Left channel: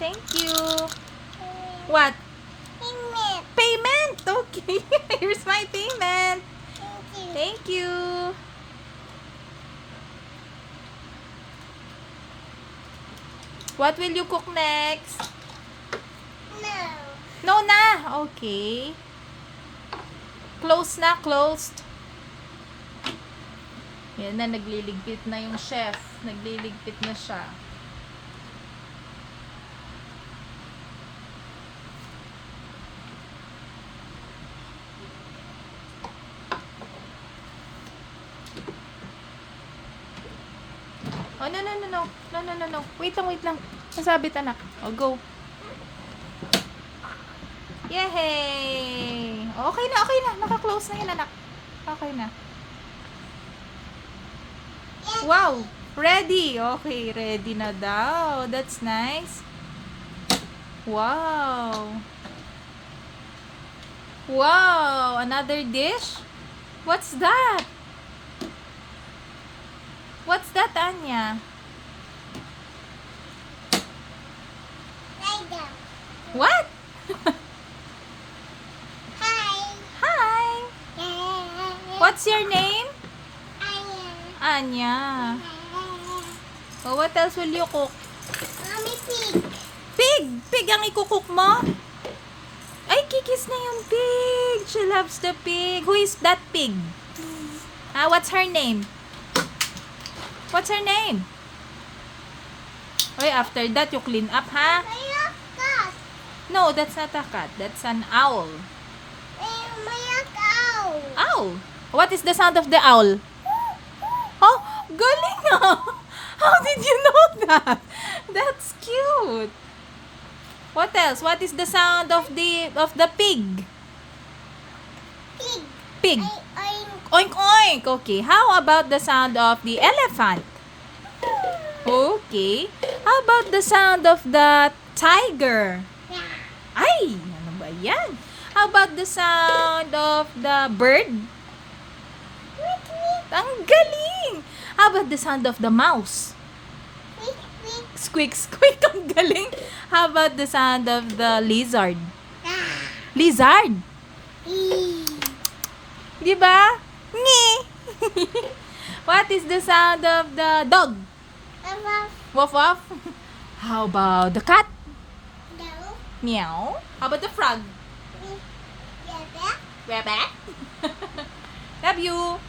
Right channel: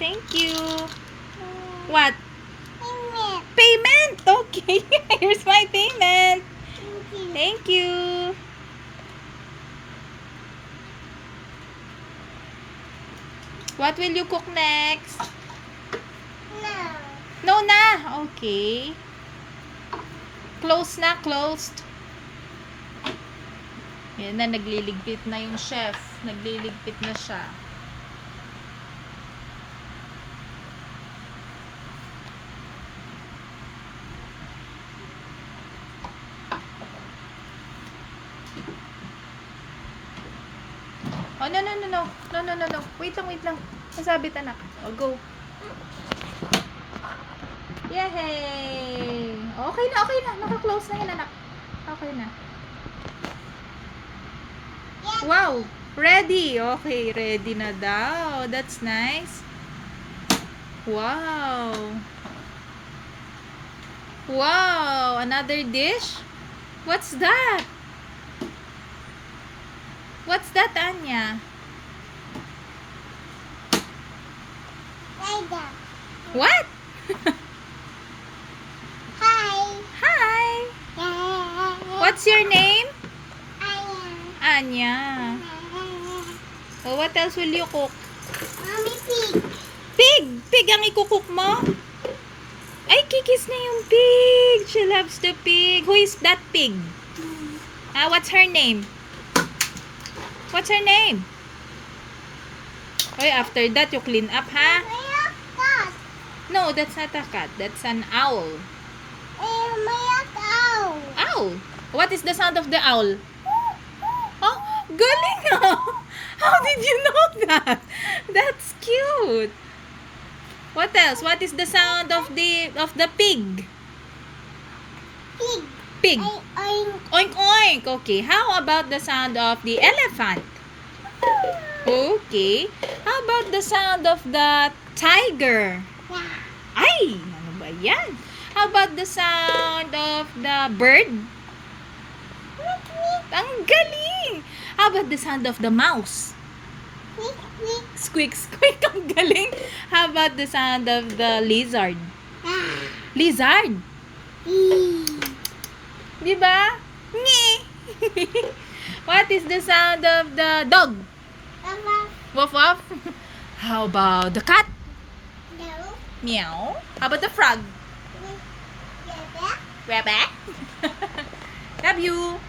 Thank you. What? Payment. Payment! Okay. Here's my payment. Thank you. Thank you. What will you cook next? No. No na. Okay. Close na, closed. Yan na, nagliligpit na yung chef. Nagliligpit na siya. Oh, no, no, no, no. No, no, no, no. Wait lang, wait lang. Masabit, anak. Oh, go. Yay! Okay na, okay na. Naka-close na yun, anak. Okay na. Wow! Ready! Okay, ready na daw. That's nice. Wow! Wow! Another dish? What's that? What's that, Anya? Rider. What? Hi. Hi! What's your name? Anya. Oh, what else will you cook? Mommy pig. Pig! Pig ang ikukook mo? Ay, kikis na yung pig. She loves the pig. Who is that pig? What's her name? What's her name? Okay, after that, you clean up, ha? Cat. No, that's not a cat. That's an owl. Maya cow. Owl. What is the sound of the owl? Oh, galing ah! How did you know that? That's cute. What else? What is the sound of the pig? Pig. Pig. Oink. Oink oink. Okay. How about the sound of the elephant? Okay. How about the sound of the tiger? Ay, ano ba yan? How about the sound of the bird? Ang galing! How about the sound of the mouse? Squeak, squeak. Ang galing. How about the sound of the lizard? Lizard. Di ba? Ni. What is the sound of the dog? Woof woof. How about the cat? No. Meow. How about the frog? Yeah. Rabbit. Love you.